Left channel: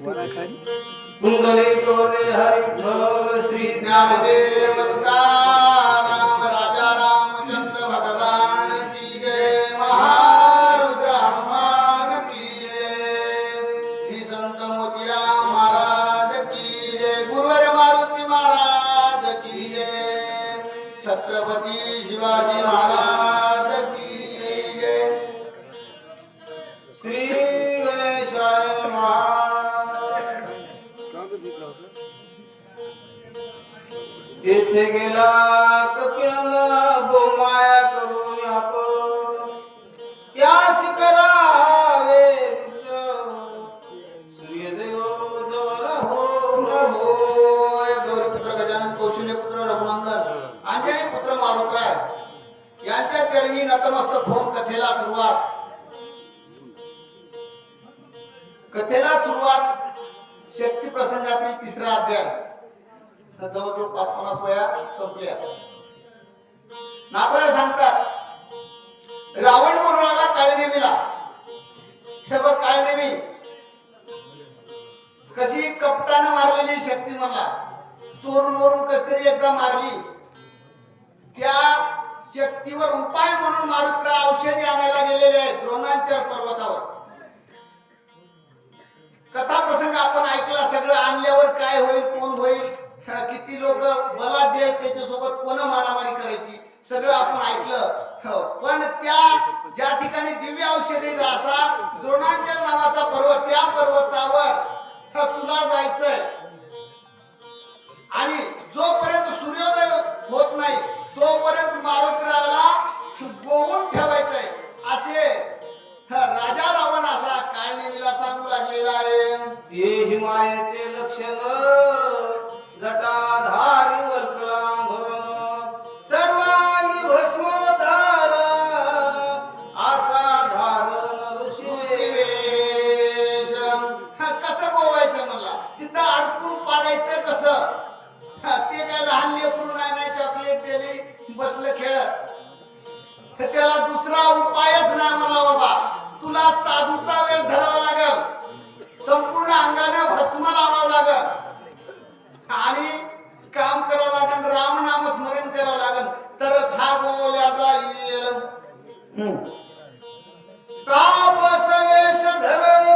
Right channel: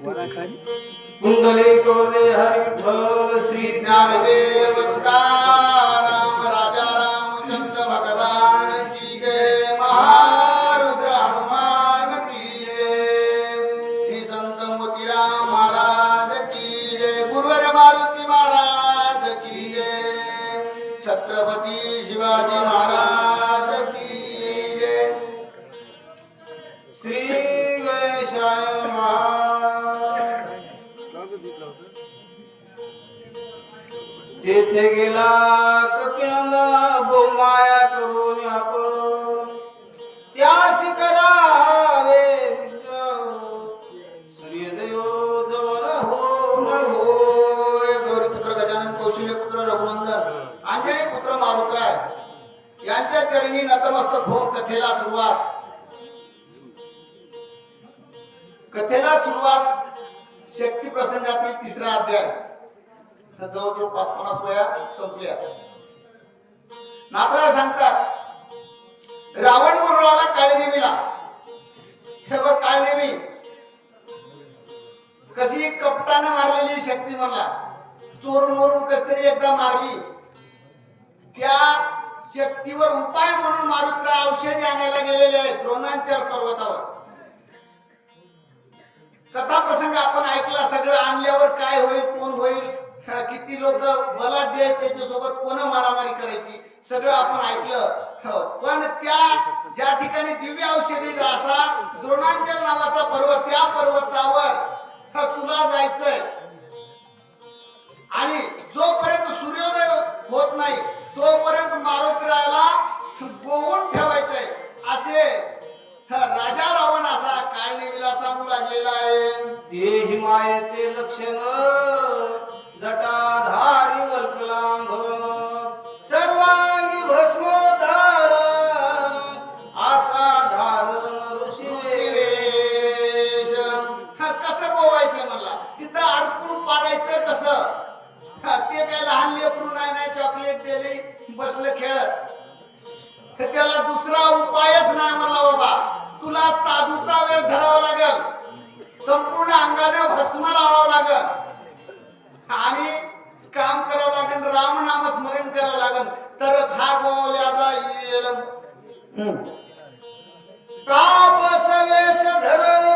વરાખારી મુગલે કોને હરિ ભોલ શ્રી જ્ઞાનદેવ तेथे गेला कपिला बोमाया करून आपण त्यास करावे मित्र. सूर्यदेव जवळ हो न होय गौरीपुत्र गजानन कौशल्यपुत्र रघुनंदन अंजनी पुत्र मारुतराय यांच्या चरणी नतमस्तक होऊन कथेला सुरुवात कथेला सुरुवात शक्ती प्रसंगातील तिसरा अध्याय तर जवळजवळ पाच पन्नास वया संपल्या. नाथराय सांगतात रावण म्हणून काळनेमीला हे बघ काळदेवी. कशी कपटानं मारलेली शक्ती म्हणला. चोरून वरून कस तरी एकदा मारली. त्या शक्तीवर उपाय म्हणून मारुत्रा औषधी आणायला गेलेले आहेत द्रोणांचर पर्वतावर. कथा प्रसंग आपण ऐकला सगळं आणल्यावर काय होईल कोण होईल? किती लोक मला देत त्याच्यासोबत कोण मारामारी करायची? सगळं आपण ऐकलं. हो, पण त्या ज्या ठिकाणी दिव्य औषधी असा द्रोणांचल नावाचा पर्वत त्या पर्वतावर चॉकलेट बसलं खेळत त्याला दुसरा उपायच नाही मला बाबा. तुला साधूचा वेळ धरावा लागल. संपूर्ण अंगानं भस्म लावावं लागल. आणि काम करावं लागेल राम नाम स्मरण करावं लागेल. तरच हा गोवल्याचा येईल तापस वेश धरण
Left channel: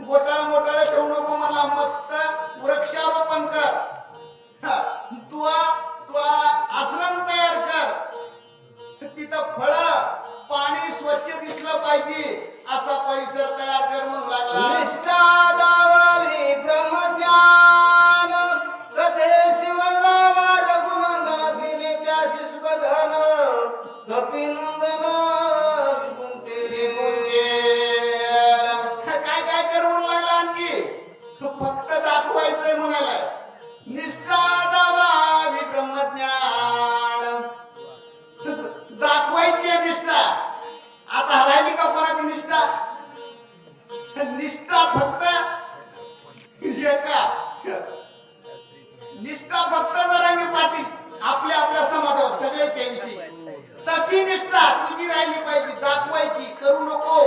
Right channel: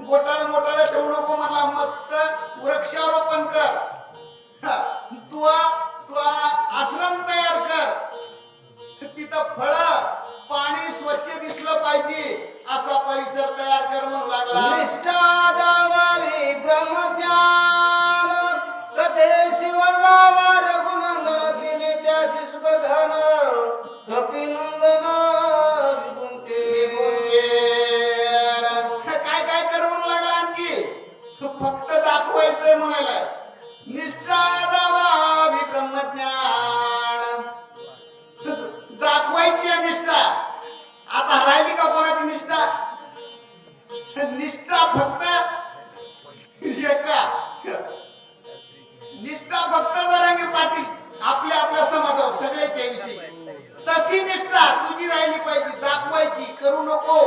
घोटाळा मोटाळा निष्ठा जावा ब्रह्मज्ञान दाखवायची आहे निष्ठा. आता राहिली का कोणाची निष्ठा? निष्ठा फक्त एका. निष्ठा फक्त जरांगी पाटील आपल्या आपल्या समाजावर सगळ्याच्या विषयी तशी निष्ठा तुझी राहिली पाहिजे दाखवायची करू नको.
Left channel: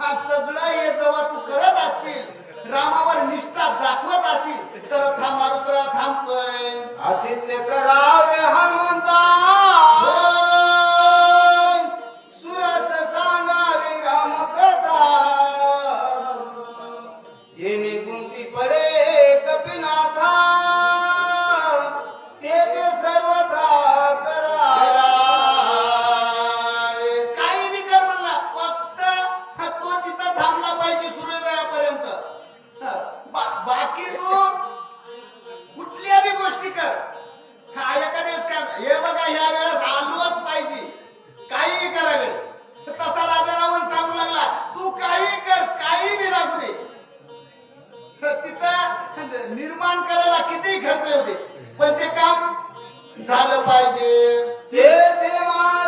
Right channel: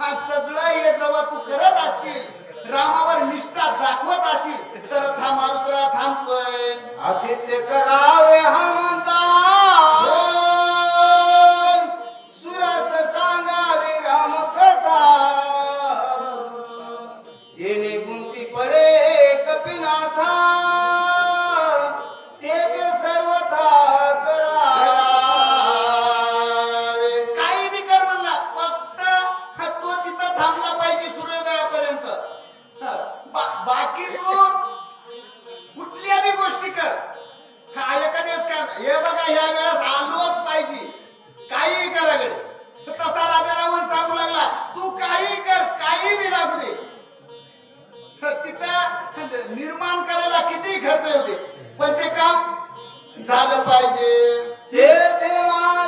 हा सगळं हे जेव्हा तू करत असतील रामावर निष्ठा दाखवत असेल तरच हा मारुत्रा थांबतोय. आदित्य करावे हनुमंता निर्माण करायला किती खर्च होते पण ते काम झालं पाहिजे. हे देवा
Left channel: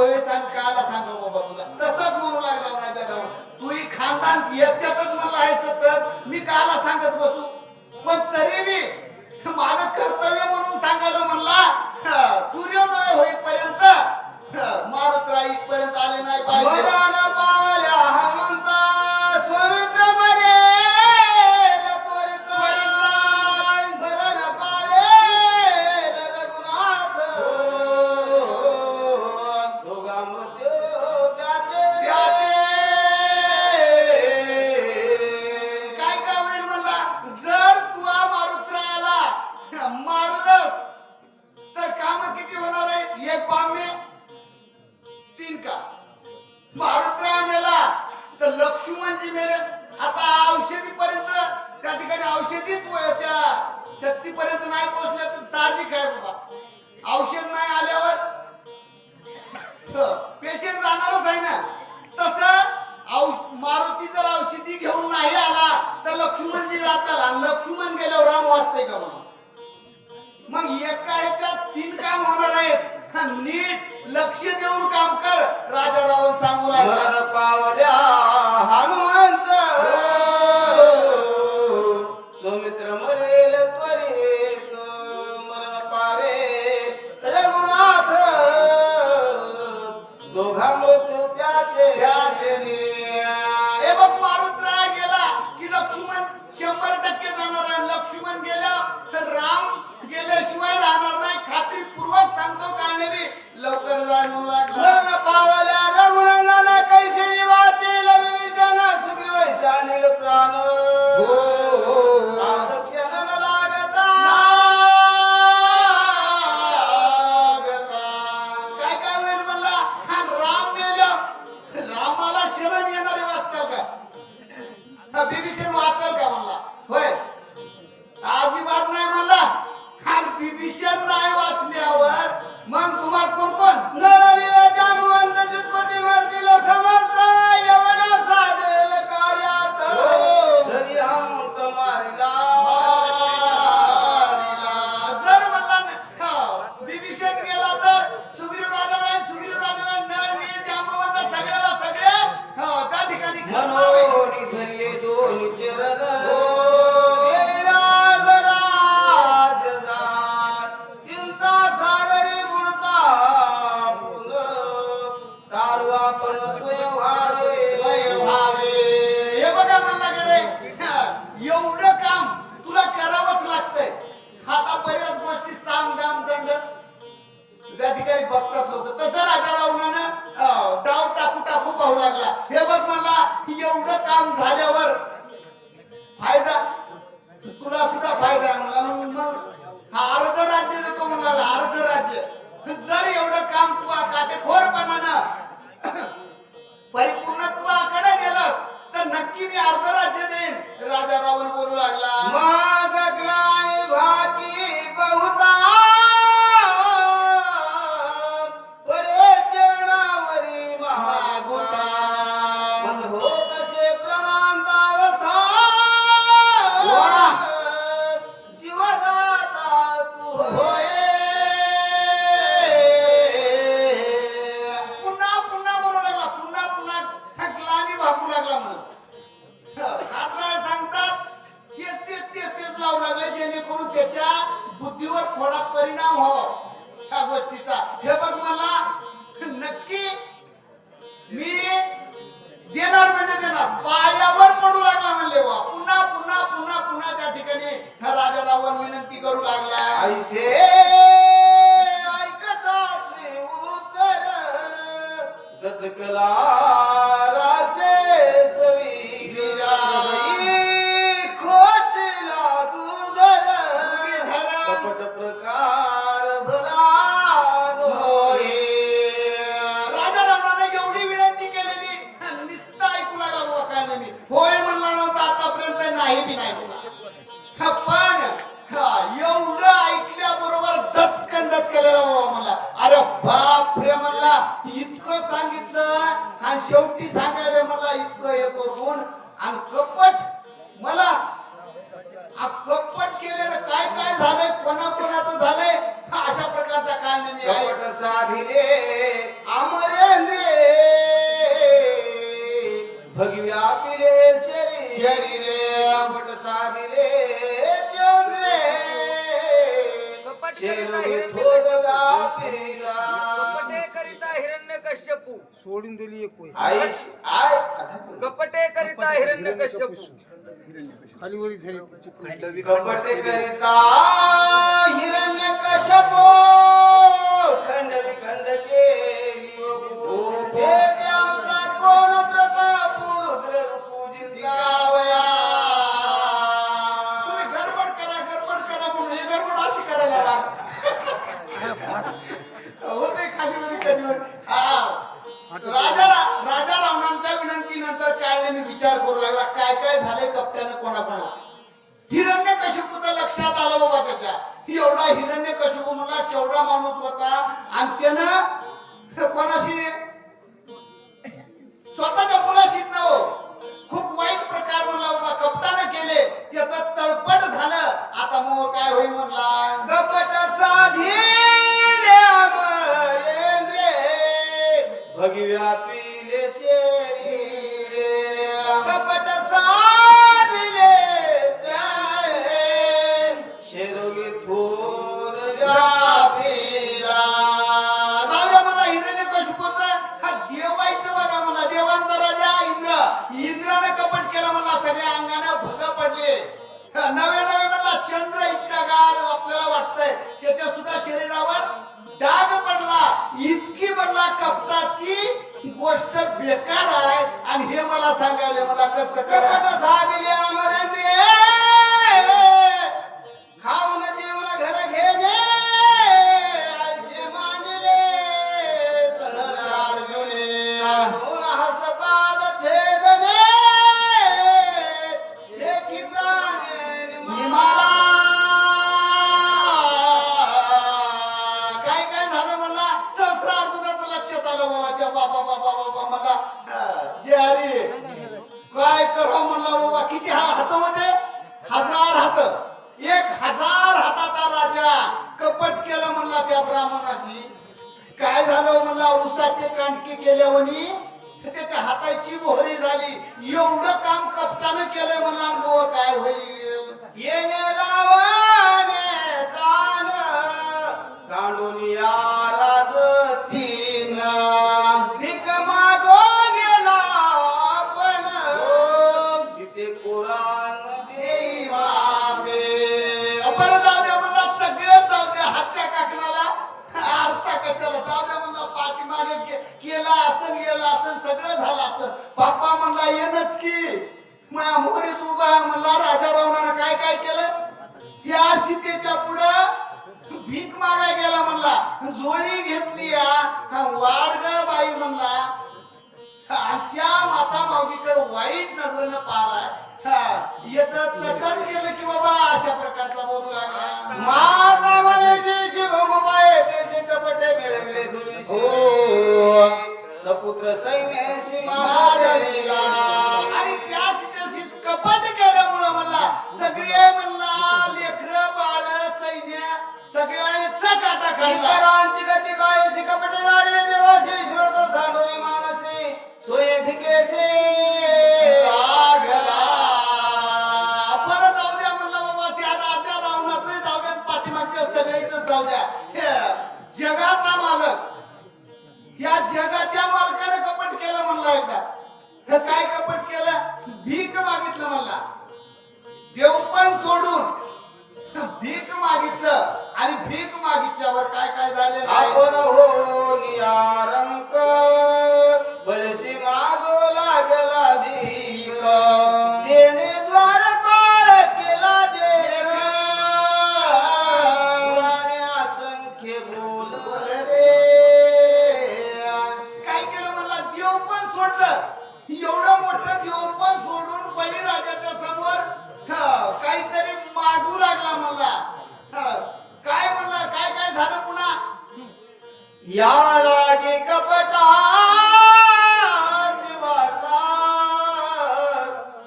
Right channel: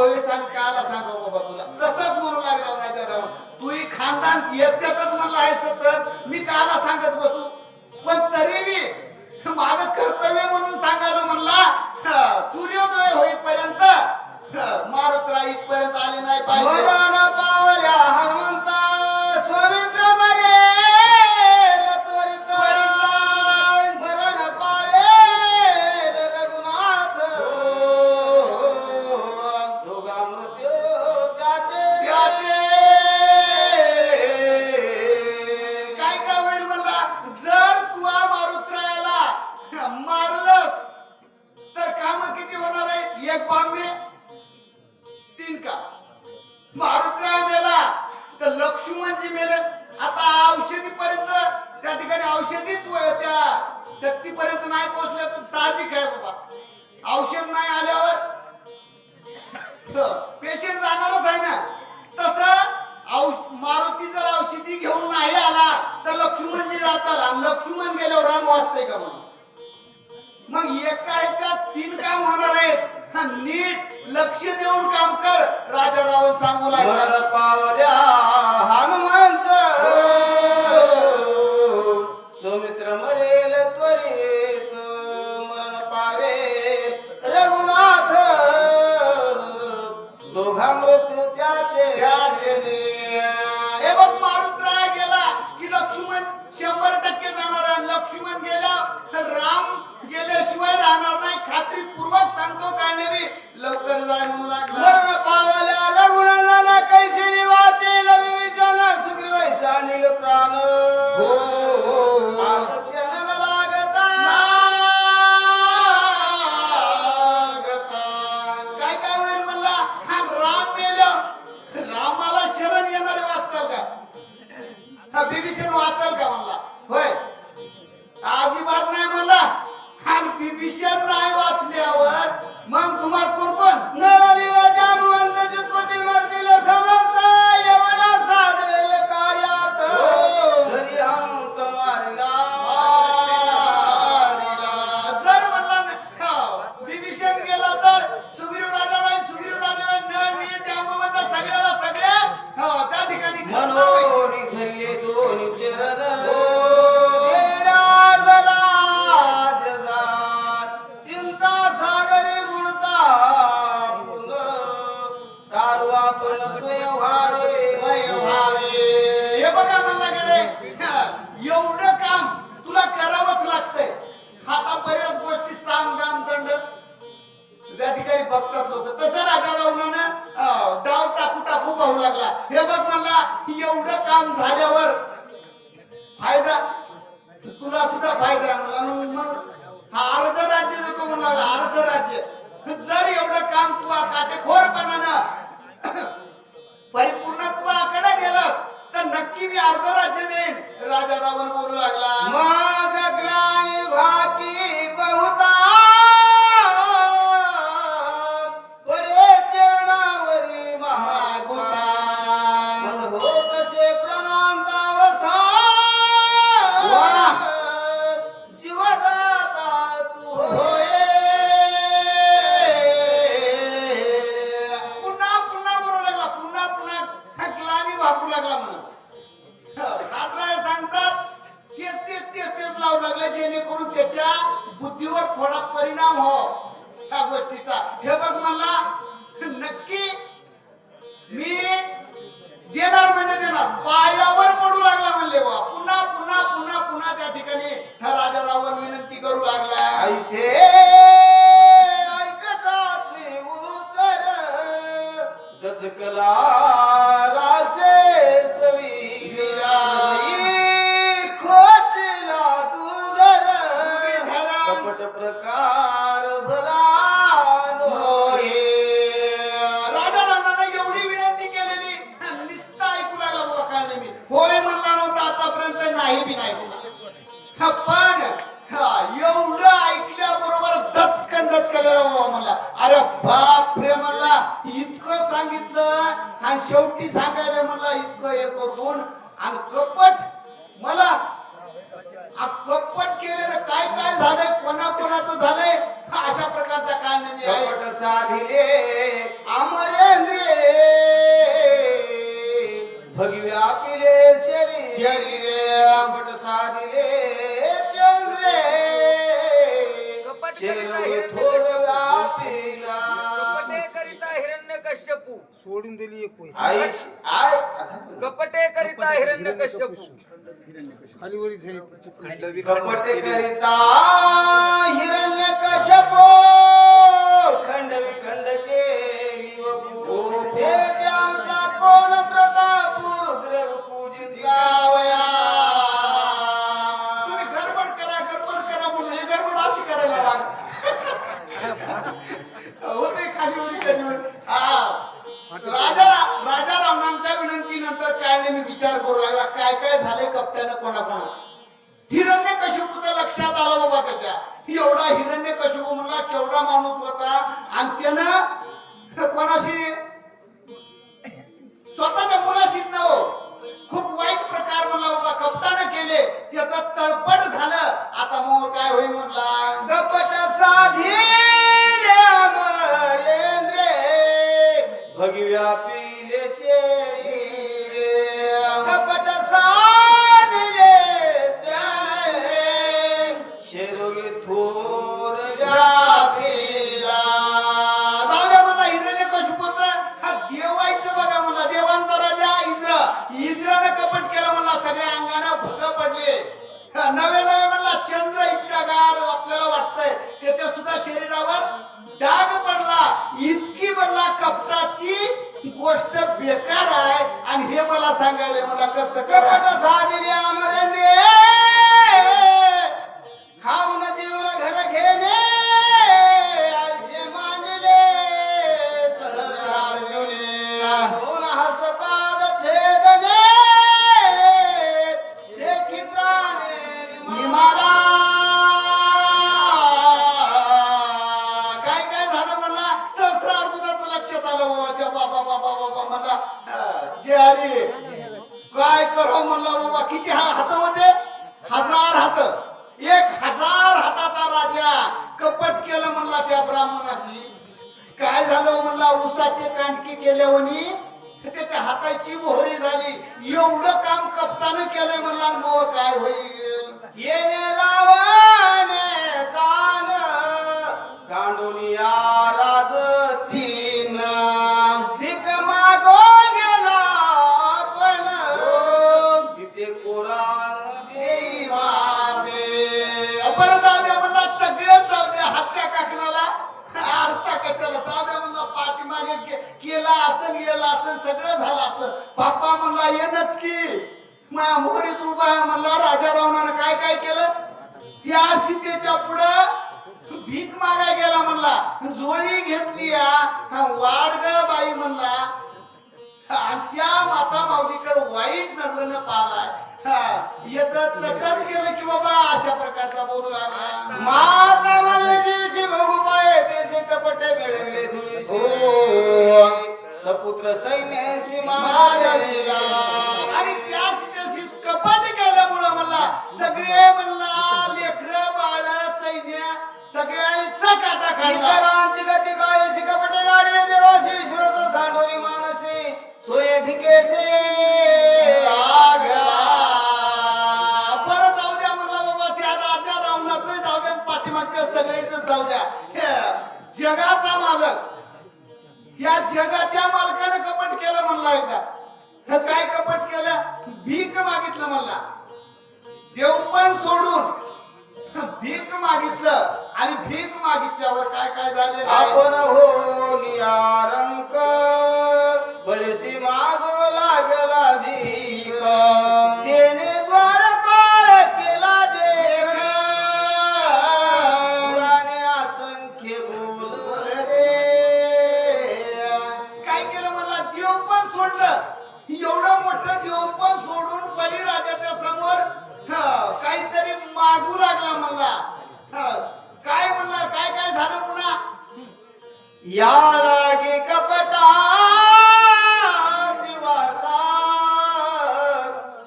वेळेस आणि काला सांगा बाबा तुला? लागला राजा रावण तुही खानदान याच्यातच म्हणला आहे सतत. मी काला सांगत बसू? पण तरी मी माझं कर्तव्य म्हणून सांगायला म्हणला सूर्योदय होईपर्यंत मारुतरा इथपर्यंत आले नाही पाहिजे. मारलं तर काम किती होणार आहे एक बाम्य तीन काम मारुतराव मेला तर लक्ष्मणजी मेले. आता औषधी पर्यंत त्या ठिकाणी औषधीच त्या शक्तीपर्यंत नाही पोहोचल्या तर साहजिक आहे बाबा. औषध नाही आल्यावर पेशंट जाणारच आहे ना. तस औष मारुती जर औषधी घेऊन नाही आला तर लक्ष्मणजी जातात लक्ष्मण गेल्यावर राम वाचते का म्हणून? मग एका एका तीन काम होणार आहे नीट लक्ष देऊन काम कर. Gabriel out there. एवढं काम झाल्यावर फायदा? तुला सुद्धा फायदा म्हणला हा अर्ध राज्य देतो म्हणाला अर्ध राज्य. जर एवढं काम तू काटेखोरपणानं परिपूर्णत्वाकडे गेलं तर नक्की मी अर्ध राज्य देईन. राजा रावण बोलू लागला. सचकला राजे सवीरा खोसला तू कपट प्रकार भला राजा रावणाने एवढी विनंती केलेली निस्ता ऐकू लागला होय म्हणला नव्हता आतापर्यंत नाही बी नाही कपटे करिता हिरण्य कश्यप कपटे करिता हिरण्य कश्यपू डाग पडला इतकी बनला कपटाची गोष्ट बेकार आहे. आणि हे मला सांगायला मला कसं झाले साधिले केला असन गेला असं सगळं झालं असं बाप्पा म्हणला येणच की. माझ्या मोरीत उभा म्हणला राजा रावणानं काय काय केलं? त्या सीतेच्या पुढं भीक मागाय गेला म्हणला. जोडी घेतली हा. वाढ ग बाई म्हणला. आणि त्या माता माऊलीकडे वाईट नजरेनं पाहलाय. येत सगळं केलं की बाबा अशा प्रकारचा बोलू लागला. माता मनजी तर काय कपट केलं? भीक मागितलं मला देव पण सोडून भीक मागितलं आणि भीक मागितल्यावर काय काय झालेलं आपण हो नियारंक या लागे कपटा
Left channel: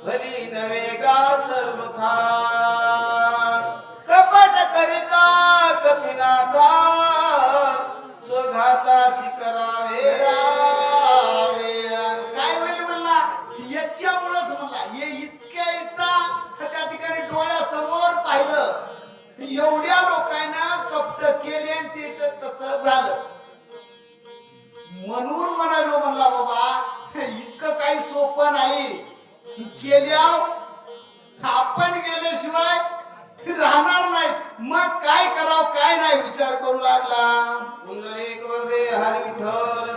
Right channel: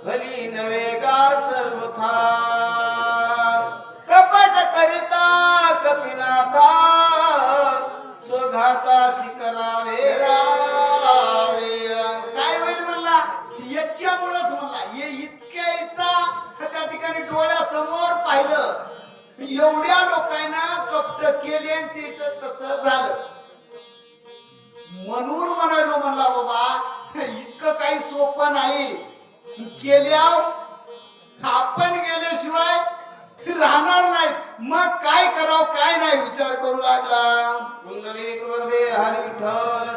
भली नवे का सर्वथा कपट करिता कपिनाथा स्वघाता करावे रावे. काय होईल म्हणला? याच्यामुळंच म्हणला हे इतक्या इतका त्या ठिकाणी डोळ्यासमोर पाहिलं. एवढ्या लोकांना कपट केले आणि त्याच तसं झालं. म्हणून म्हणालो म्हणला बाबा इतकं काही सोपं नाही. गेल्या आपण गेल्याशिवाय राहणार नाही. मग काय करावं काय नाही विचार करू लागला. कुंडलिक वरदे विठ्ठल